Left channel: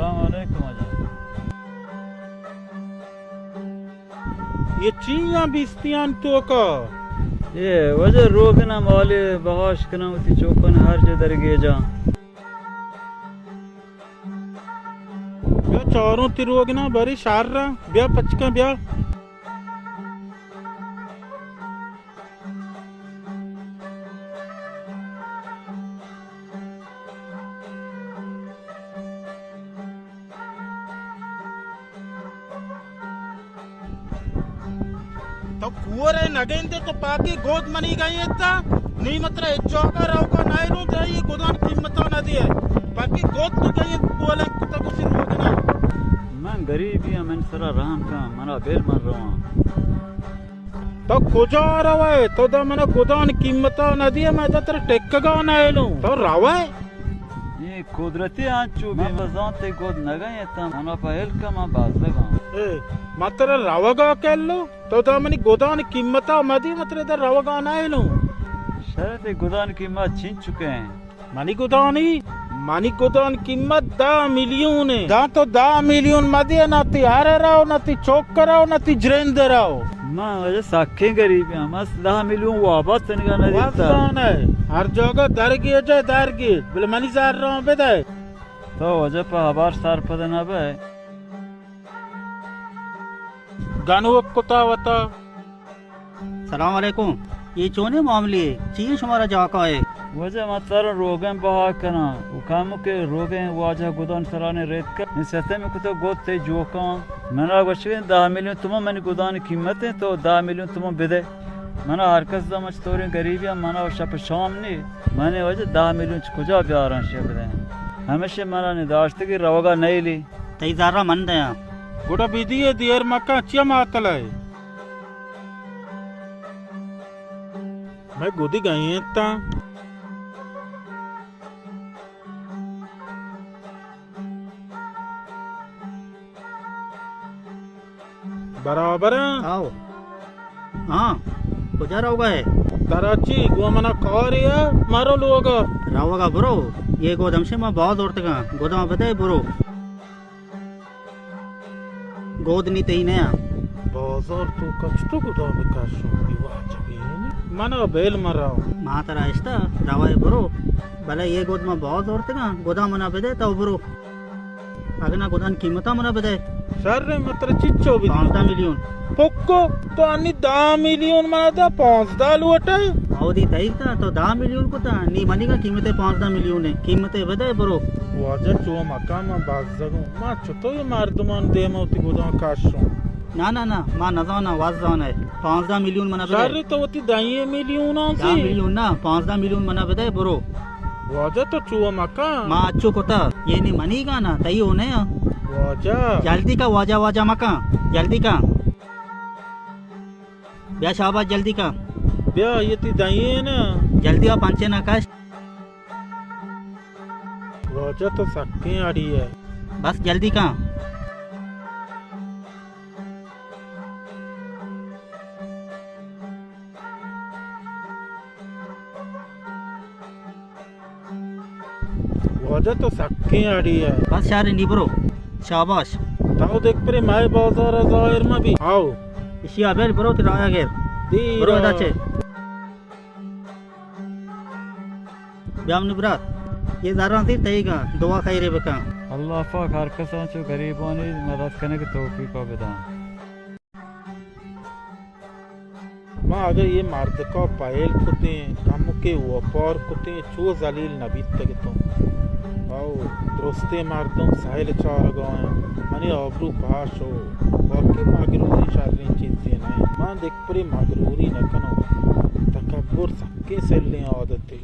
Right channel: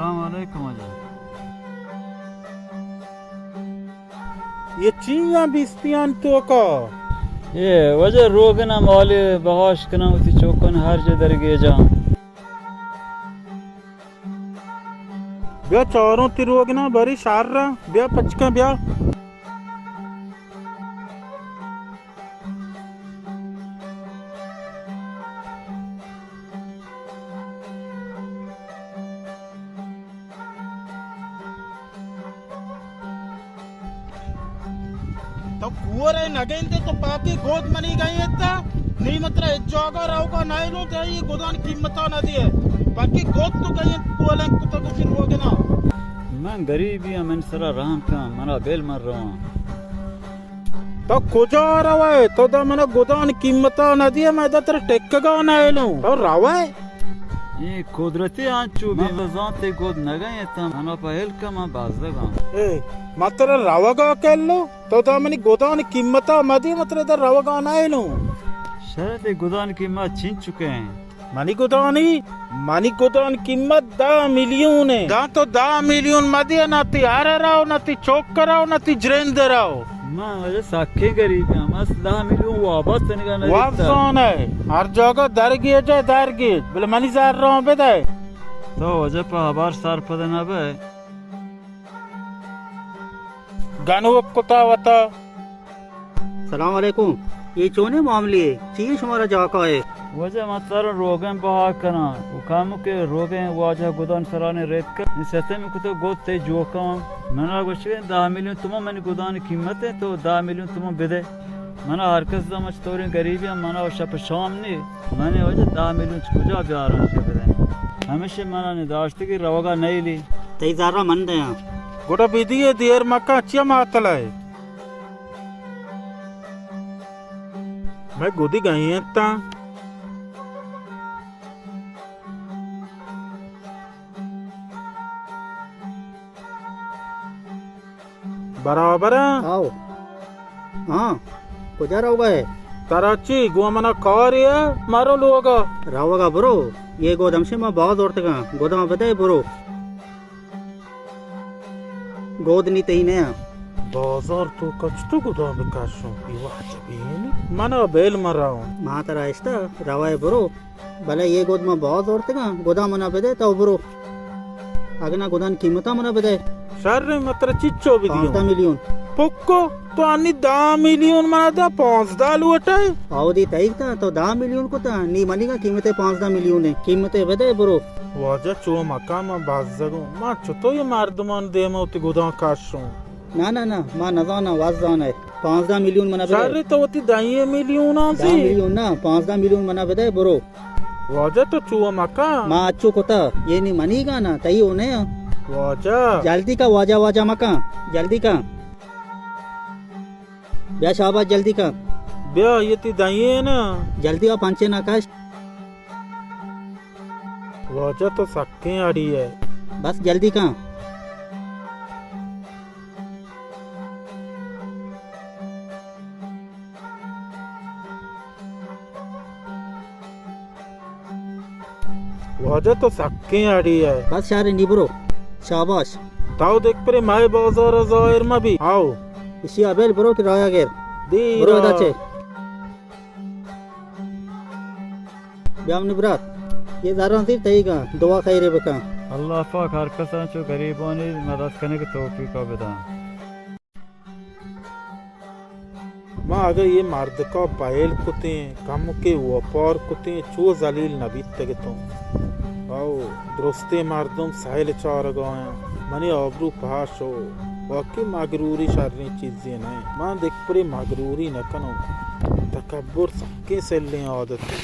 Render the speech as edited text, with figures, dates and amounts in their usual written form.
सलाम अलैकुम आजा। ये चीज़ां बिस्तियां तो का ये वजह रोगना मौले बहाश कना उती चौकन हर जदर गे जा। ब्या चारों तिरोगना बरी शार्रा ब्या पचका ब्या तो कुवर है नगेंदे तो पाकी गोद मनी गई था नहीं मतलब एक जगह रहोगा नहीं रो जाए गोदान कीमत ना दिए बाकी गोद तो गई बोले तो कुछ होगे ना मैं गरीब ही मैं सरा राम का मरा बेल मर रहा हूँ। तो कुजा रहा है तो दा मना गोदान कीमत ना दिए मैं तो तेरे टेक का ना है लो तो रहा है ये कुदरती आंचू भी मजाते गोद न गए था मना पहल का मैं बाज लगा ए मात्र रवागा केल्लो तो दा मनी गोदान कीमत मदी मात्र इधर रवागा ना है लो शरत गोदान की माँ छीन चुके हैं। मानी गोदान कीमत 10 मिलियन है दा तो 10 मिलियन मदी ना ती हारे रहो ना ती चौक कराओ ना ती जरेंद रहो मैं वजह साखे गरीब हैं मस 10 मिलियन वापस निका नहीं वापस है हर जगह दरगी बोले मनी जार रहा हूँ बेटा तो वजह पर हबार सार पता ना बे गानू कुत्ता वता सलाम अलैकुम ये चोने मामले चीन शुमारा जाका है वजह मतलब रोगन बहा करना काम के रोगे वाजा गोदान सराने रेत कर सस्ते में कुछ गोद से जोका मैंने वशे 10 मिलियन तुम मैंने गोदान कीमत है तो 10 मिलियन तुम बिदे मैंने हरकत समझ तोरी गरीबी मैंने वशा पे शाम नहीं मैंने वजह 10 मिलियन कुजा प्यार आशे बिदे हमेशा मैंने निदाश्त की रवगा नहीं ली तई जारा मन दया गोटा बिदी है देर मक्का चिया मातला है मैं गोदी गई है ता बराबर आओ हाँ कुजा रहोगा है कराची गोमना कौरिया मारो लोग रहोगा ब्रो ये गोदम से मैं बहुत औरत का गोदाम बताए ब्रो गोद नहीं तई ने बाजार तो कच तो गोदाम काशो विवाह जबीन मना बेल मराओ मां तरा इस्ता रवाए ब्रो भले ये गोद में बहुत औरत का गोदाम मना बदे तो ब्रो अगना गोदान कीमता मना बदे सर मत्र चिच्चो भी 5 मिलियन पोक्को तो अन्नी 10 मिलियन मना दा 5 दाल वटाए आओ दी तई ता तो 10 मिलियन को ता नी मनी का कीमते 5 मिलियन है कीमते बदे ब्रो वाजा चो मकान में बाज जगो मां चतो ये मर्दमान दे मोती गोदाम काशो ना मां नजाना वाजान है 5 मिलियन मना बदे सर तो वती 10 मिलियन 10 सी मिलियन ना 5 मिलियन मना बदे ब्रो वाजा तो चो मकान मां अच्छो कोता ये नी मनी का ना तई होने वाजा जल्दी का वाजा मका जल्दी का ब्या शाबाश जल्दी का ब्या ये ती दाइए ना जल्दी का पंचे ना काश वाजा तो सक्के आड़ी है बस जल्दी का वाजा तो सक्के आड़ी है बस यार निब्रो शाबाश ताऊ देख परे माय बाजार जाहिर में भी आओ इसी अबेल ब्रो की राया गेर दीरा ब्रो दाचे ब्याम निब्रात ये जारा थी तई का दुआ खाई रे बका अल्लाह पाक हर कसा चो गरीबों ने मदद करने की तौफीक का बता मां अगर ये मर्द का पायल कुते कम के वपार कुते चो जलील नबी तक तो आओ दोस्ते मर्दों साहिल चार गए मने आबरू पास हो बाकी मगरूरी शारी चीजें नहीं मां देख परे मगरूरी न कनो तकब्बुर सबके से ले आदत